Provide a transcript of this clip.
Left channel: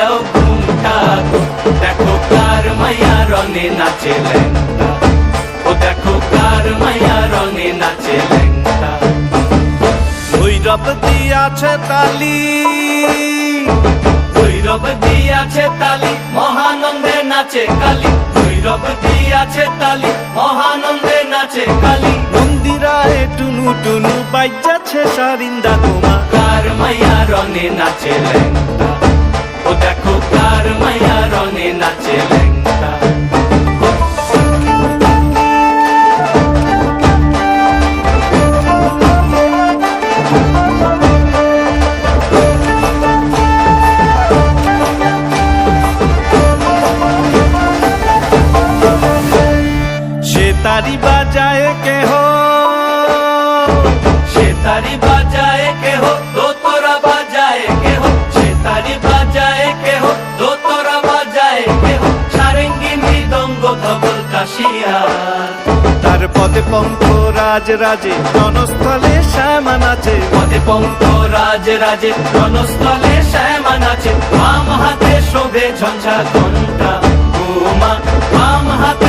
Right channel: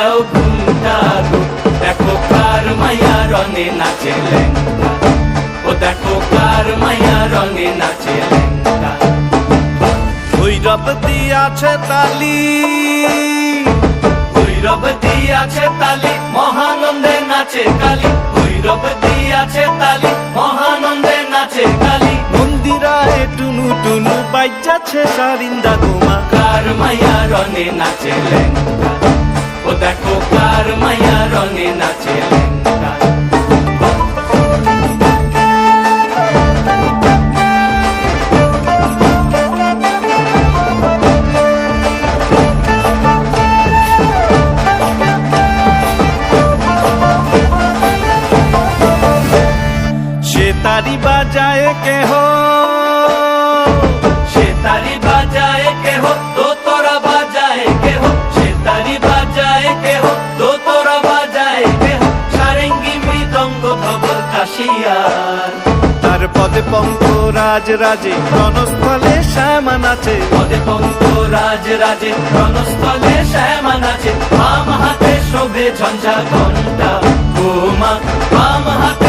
দেও ঘুমটা গো, দেখো কার মায়া রঙে নাচে ল্যাংটা, ও দেখো কার মায়া রঙে নাচে ল্যাংটা। ভৈরব দিয়াছে তালি, ভৈরব দিয়াছে তালি, মহানন্দে নাচে কালী, ভৈরব দিয়াছে তালি, মহানন্দে নাচে কালী। মন্দিরায় টুনু টুনু বাজ্যাছে সারিন্দা গোমা, কার মায়া রঙে নাচে ল্যাংটা, ও দেখো কার মায়া রঙে নাচে ল্যাংটা। সে তারি বাজায় কেহ, সে তারি বাজায় কেহ, দোতরা বাজায় কেহ, সে তারি বাজায় কেহ, দোতরা বাজায় কেহ, সারেঙ্গি মৃদঙ্গ ধবল কাশিয়ার। তার পদে পঙ্ক রাজ রাজে রণস্থলে শ্যামা নাচে, পদে পঙ্ক রাজ রাজে রণস্থলে শ্যামা নাচে, বাম হাতে শোভে ঝঞ্ঝা ঘণ্টা, গোমা বাম হাতে